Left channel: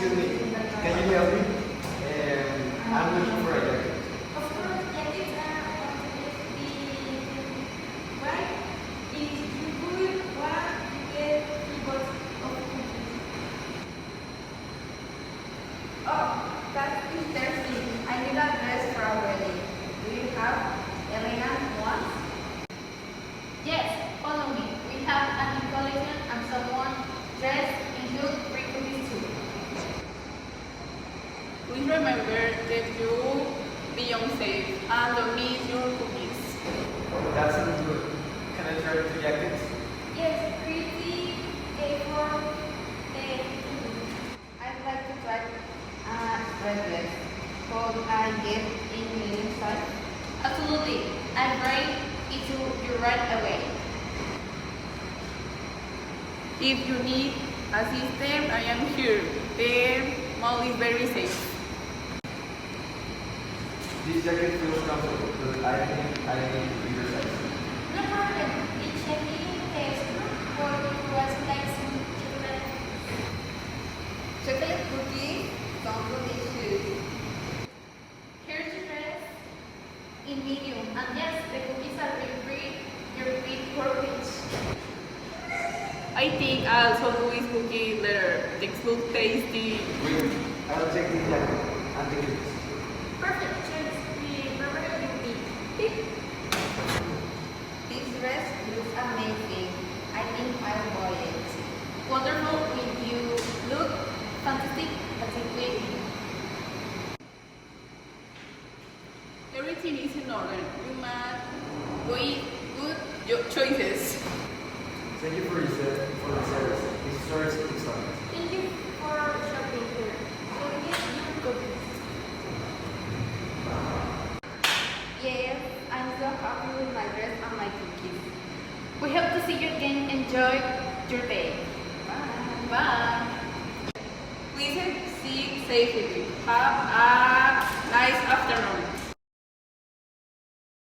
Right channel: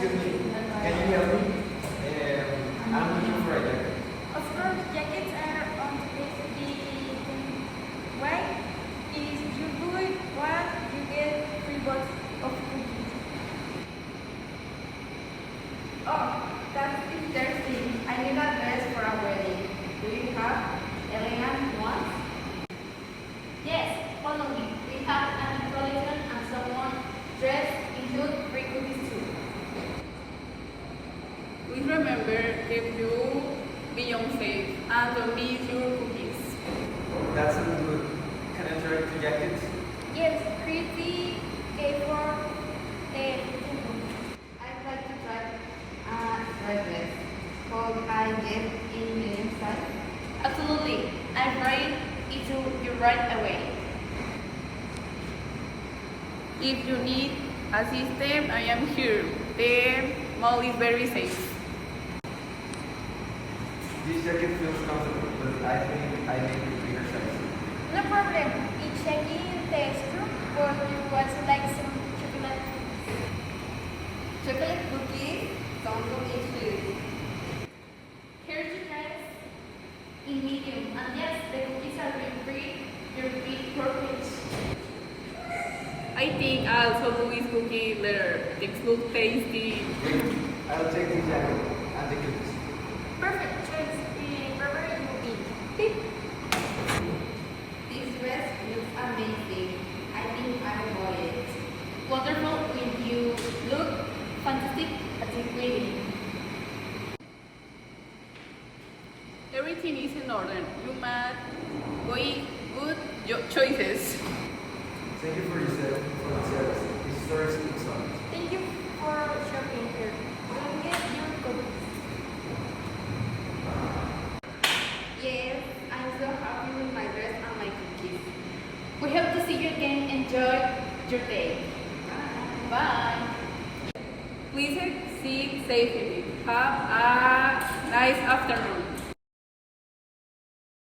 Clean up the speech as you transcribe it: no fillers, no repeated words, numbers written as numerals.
Excuse me, can you help me? I'm looking for a jacket. Of course, jackets are on the way to be white. If you buy one, you get 3 boxes of cookies. Oh, that's interesting. I need a dress for a wedding. Do you have elegant ones? Yes, follow me. We have a new collection and someone dressed include free cookies too. We remember gave you Beyonce and don't need your cookies. That sounds good. Can I try two jackets? Yes, pretty A4 I'd like to try a red dress. Could I get in the size? Absolutely. I'll bring it to you right away. If you need assistance, I am here. The mall is very safe. This jacket feels comfortable, but I think I need a bigger size. No problem. It's checking the extra or you also like some chocolate. Chocolate cookies sound delicious. Here's your dress in medium. And yes, the cookies are your big purpose. I think I'll also Louis cookie later. Things look tasty. Good. I'll take this jacket and the cookies. Perfect choice. Wherever you be. Beep. This dress looks amazing. I think I'll buy it. Wonderful when you look fantastic at the wedding. Everything is in order. You made good choices. Thank you for the service. This is very excellent. Thank you for shopping here. We'll get you cookies. Yes, I'm so happy with my dress and my cookies. We hope to see you again. Enjoy your day. Bye. Please sit safely. Have a nice afternoon.